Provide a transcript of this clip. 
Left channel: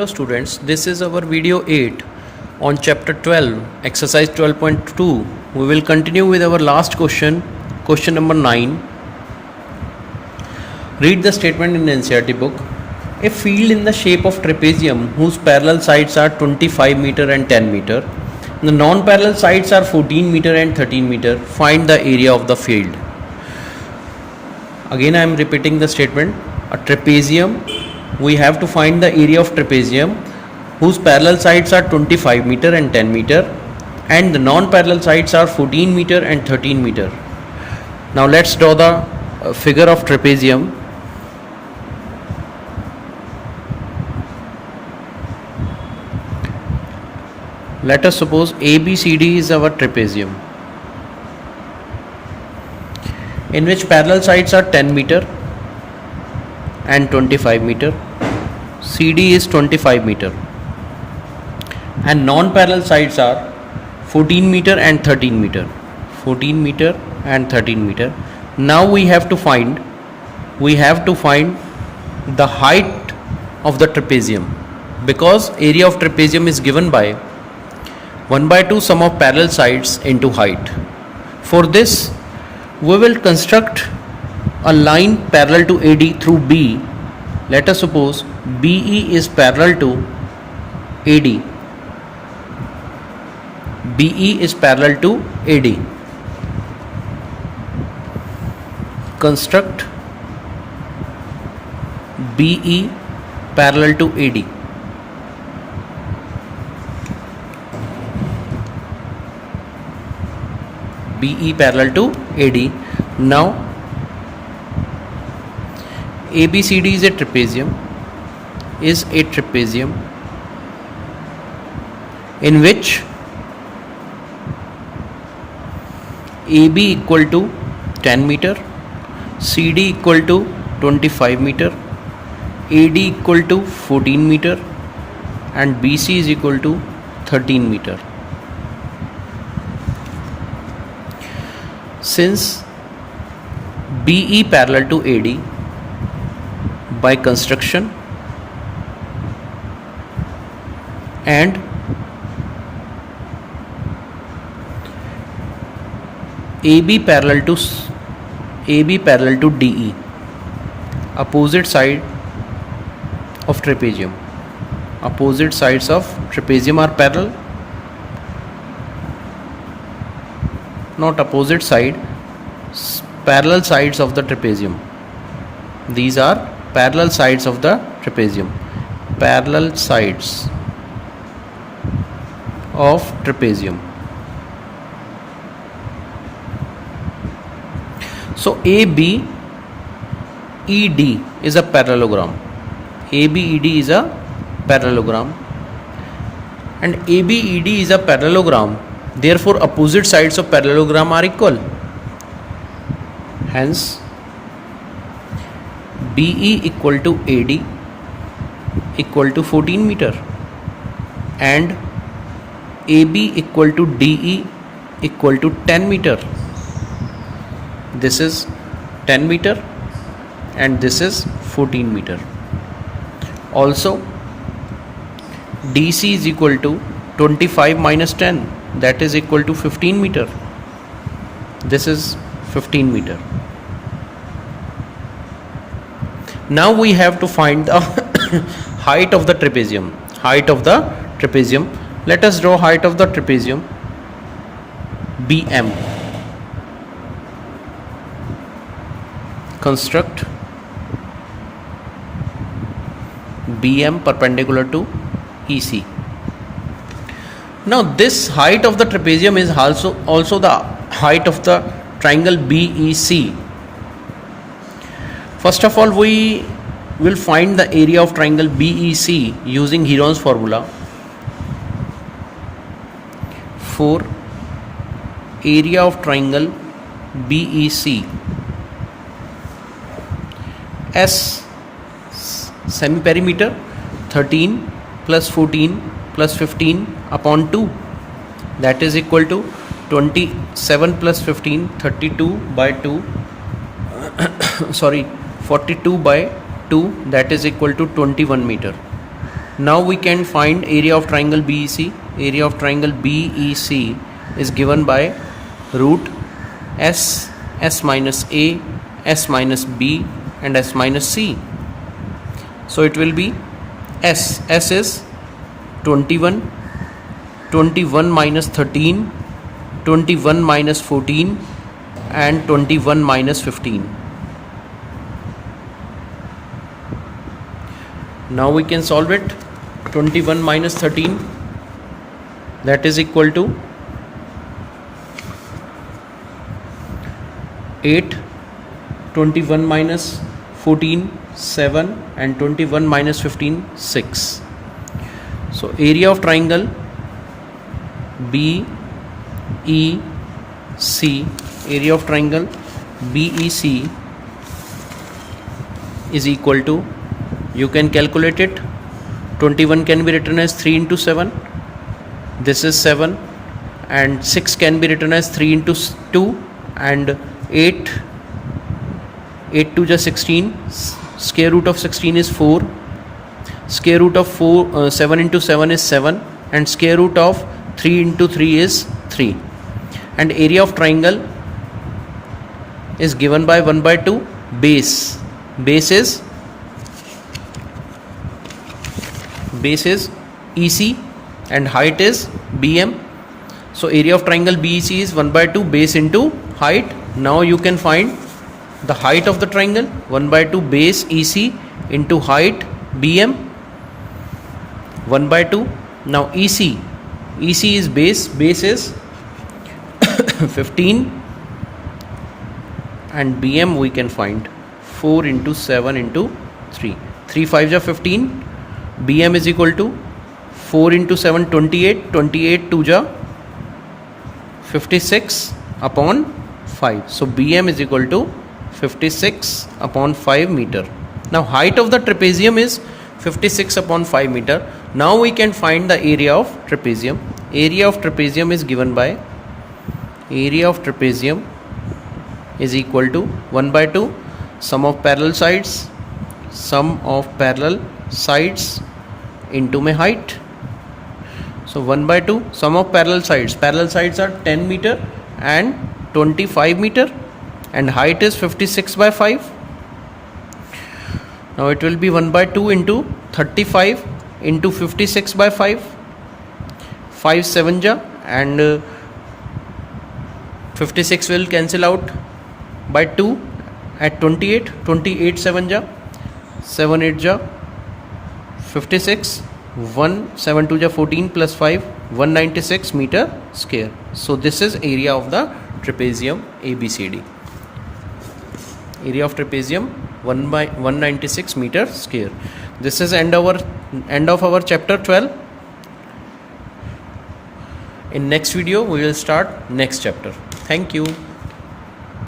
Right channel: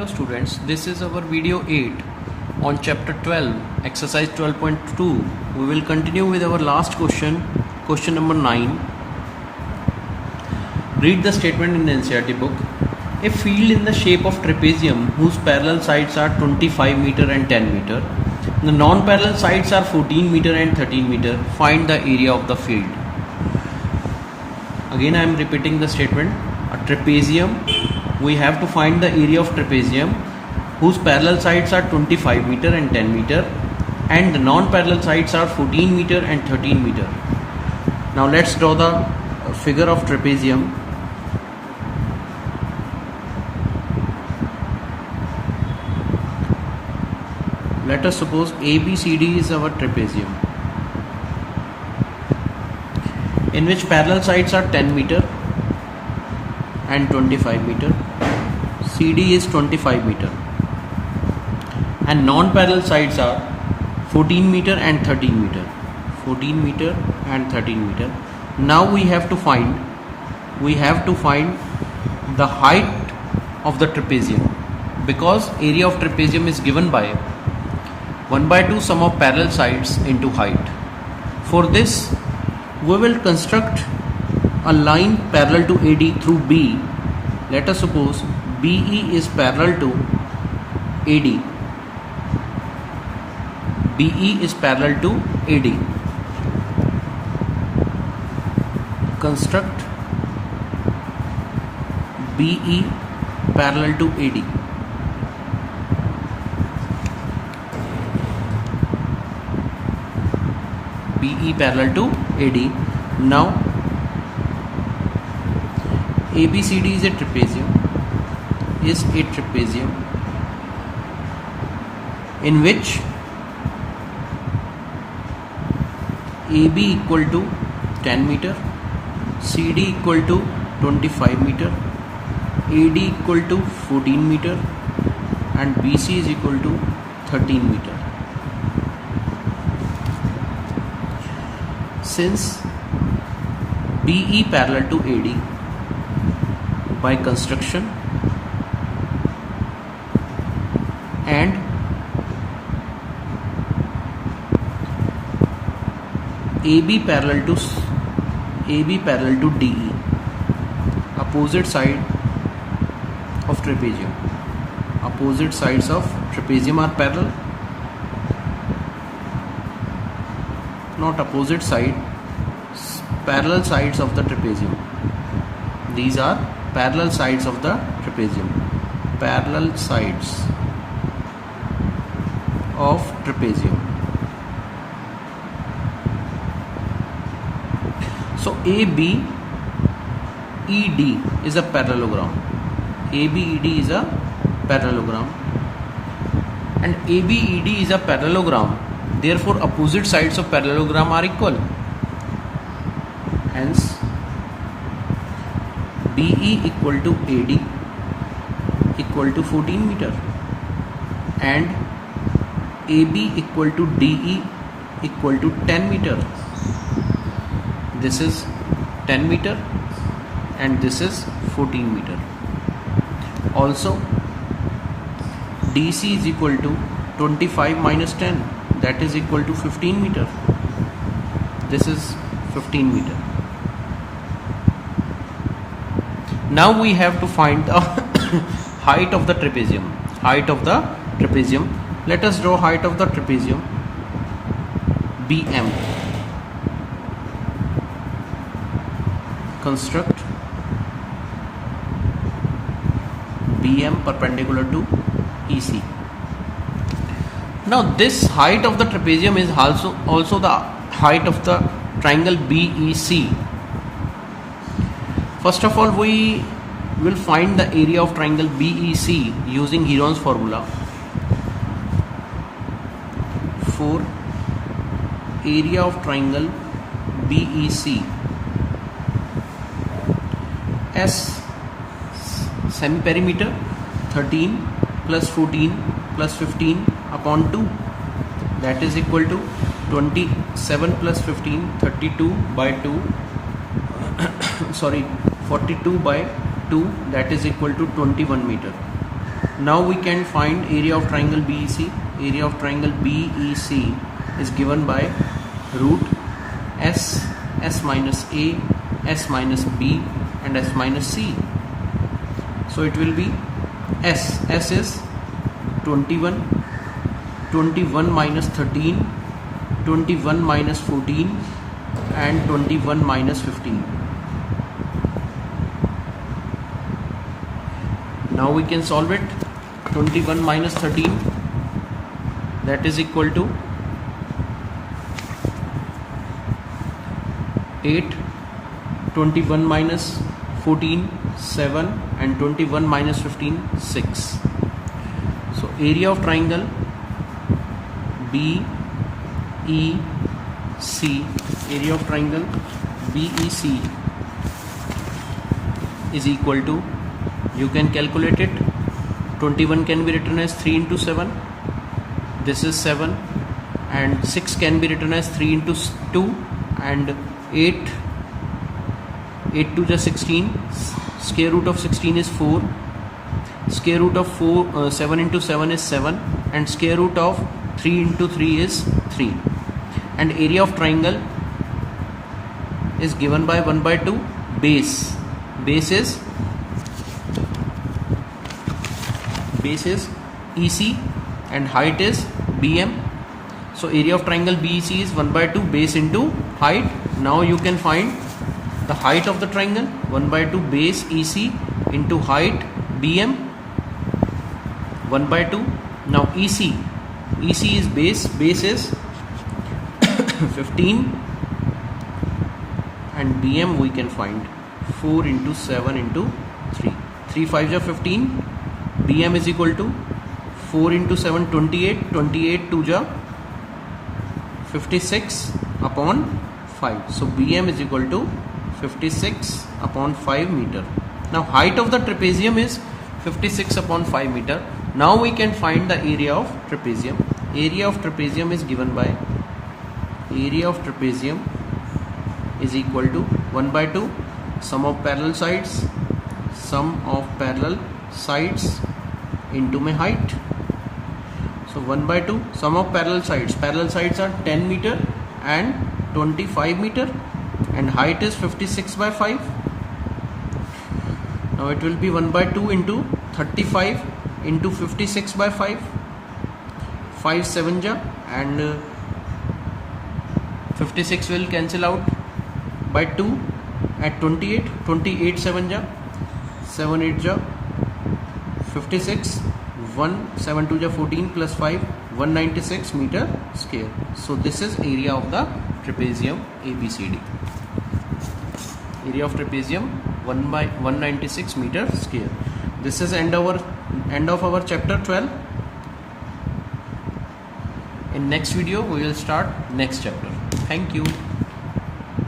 Hello students, this is our video 8 on chapter 12, exercise 12.2. We will continue with our last question, question number 9. Read the statement in the NCERT book. A field in the shape of trapezium whose parallel sides are 25 meter and 10 meter. The non-parallel sides are 14 meter and 13 meter. Find the area of the field. Again I am repeating the statement. A trapezium, we have to find the area of trapezium whose parallel sides are 25 meter and 10 meter and the non-parallel sides are 14 meter and 13 meter. Now let's draw the figure of trapezium. Let us suppose ABCD is our trapezium, in which parallel sides are 10 meter and 25 meter. CD is 25 meter and non-parallel sides are 14 meter and 13 meter. 14 meter and 13 meter. Now we have to find the height of the trapezium, because area of trapezium is given by 1/2 sum of parallel sides into height. For this we will construct a line parallel to AD through B. Let us suppose BE is parallel to AD. BE is parallel to AD. Construct BE parallel to AD. BE parallel to AD. Now ABCD is a trapezium in which AB equal to 10 meter, CD equal to 25 meter, AD equal to 14 meter and BC is equal to 13 meter. Since BE parallel to AD, by construction and AB parallel to DE, opposite side of trapezium. Opposite sides of trapezium are parallel. Not opposite side, parallel sides of the trapezium. These are parallel sides of the trapezium. Parallel sides of trapezium. So ABED is a parallelogram. ABED is a parallelogram and ABED is a parallelogram. Therefore opposite sides of parallelogram are equal. Hence BE equal to AD equal to 14 meter and AB equal to DE equal to 10 meter. This is 10 meter and this is 14 meter. Also DC is equal to 25 minus 10, that is equal to 15 meter. This is 15 meter. Now we have to find the height of the trapezium. Let us draw height of the trapezium. BM. Construct BM perpendicular to EC. Now this height of the trapezium is also the height of the triangle BEC. First of all, we will find the area of triangle BEC using Heron's formula. For area of triangle BEC, S semi-perimeter 13 plus 14 plus 15 upon 2, that is equal to 27 plus 15, 32 by 2 42 by 2, that is equal to 21 meter. Now we can find area of triangle BEC. Area of triangle BEC is given by root S, S minus A, S minus B and S minus C. So it will be S. S is 21, 21 minus 13, 21 minus 14 and 21 minus 15. Now we can solve it. 21 minus 13, that is equal to 8, 21 minus 14, 7 and 21 minus 15, 6. So area of triangle BEC, area of triangle BEC is equal to, you can calculate it. 21 can be written as 3 into 7, this is 7, and 6 can be written as 3 into 2, and 8 to the 16, square root of 16 is 4, square root of 7 into 7 is 7, and square root of 3 into 3 is 3. And area of triangle is given by 1 by 2 base. Base is EC and height is BM. So area of triangle BEC is 1 by 2 base into height. Now you can find the height of the triangle, 1 by 2 base EC into height BM, 1 by 2. Now EC is base is 15 and BM we can find 4 into 7 into 3. 3 5s are 15. BM is equal to 4 into 7, 28, 28 2s are 56 upon 5. So BM is equal to 56 upon 5 meter. Now height of the trapezium is 56 upon 5 meter. Now we can find the area of trapezium. Area of trapezium is given by, area of trapezium is equal to 1 by 2 sum of parallel sides into my height. So 1 by 2 sum of parallel sides are 10 meter and 25 meter, and height is 56 by 5. Now it will be 1 by 2 into 35 into 56 by 5, 5 7 ja, and 56 will cancel out by 2 at 28, 28 7 ja, 7 8 ja, 56, 1 7 2 ja 14 plus 5, 196 meter square. So this is area of the trapezium ABCD. Area of trapezium 1 by 196 meter square. This is end of our chapter 12. In next video we will start next chapter. Thank you.